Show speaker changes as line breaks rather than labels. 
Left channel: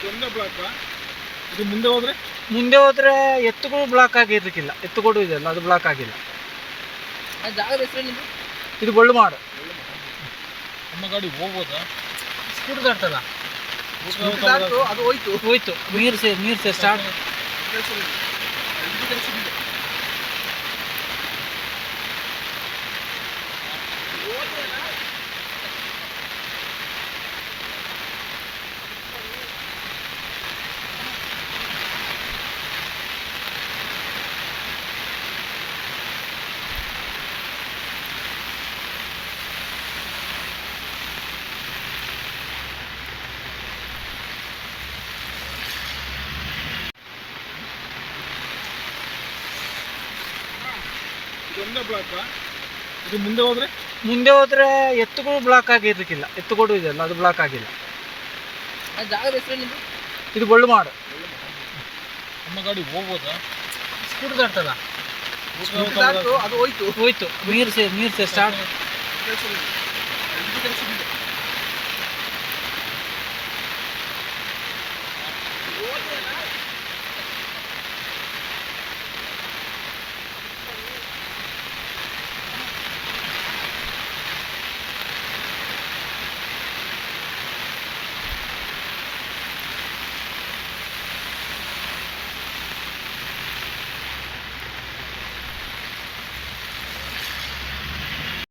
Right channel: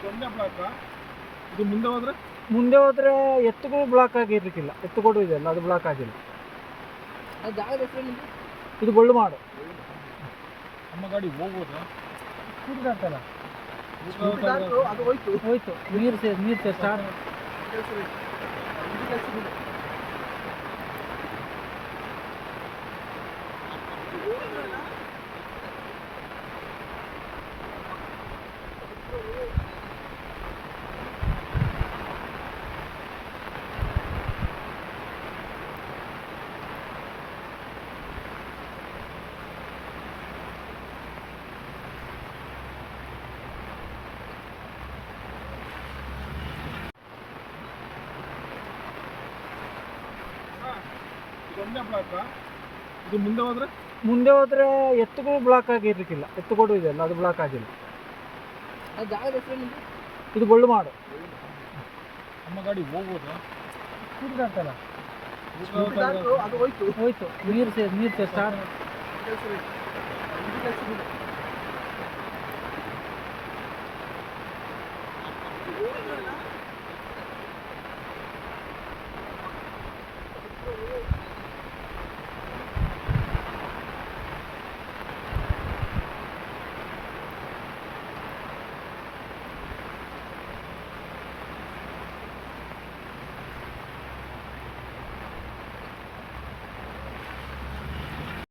ಇದೊಂದೇ ಬ್ಲಾಕ್ ಇದು ಮುಂದೆ ಹೋದ್ರೆ?
ಮುಂದೆ ಹೋದ್ರೆ ಎತ್ತುಗಳು ಬ್ಲಾಕ್ ಆಗಿರ್ಲಿಕ್ಕಿಲ್ಲ ಎತ್ತುಗಳು ಇದೆಯಲ್ಲ ಅದು ಬ್ಲಾಕ್ ಆಗಿಲ್ಲ.
ಜಾಗದ ಹೆಸರು
ಇದು? ಬಳ್ಳುಮಾಡು
ನಮ್ಮ ಗಾಡಿ ಹೋಗ್ಬೋದಾ?
ಸ್ಕೂಟರ್ ದಾಟ್ತಲ್ಲ
ಅದು ಹೋಯ್ತು.
ಹೋಯ್ತು. ನೀರು ಸೇರಿ ನೀರು ಸೇರಿ ಸ್ಟಾರ್ಟ್
ಇದೊಂದೇ ಇದು ಮುಂದೆ ಹೋದ್ರೆ?
ಮುಂದೆ ಹೋದ್ರೆ ಎತ್ತುಗಳು ಬ್ಲಾಕ್ ಆಗಿರಲಿಕ್ಕಿಲ್ಲ. ಎತ್ತುಗಳು ಇದೆಯಲ್ಲ ಅದು ಬ್ಲಾಕ್ ಆಗಿಲ್ಲ. ಇದು ಬಳ್ಳು ಮಾಡು
ನಮ್ಮ ಗಾಡಿ ಹೋಗೋದು?
ಸ್ಕೂಟರ್ ದಾಟ್ತಲ್ಲ
ಅದು ಹೋಯ್ತು.
ಹೋಯ್ತು. ನೀರು ಸೇರ್ ನೀರು ಸೇರ್ ಸ್ಟಾರ್ಟ್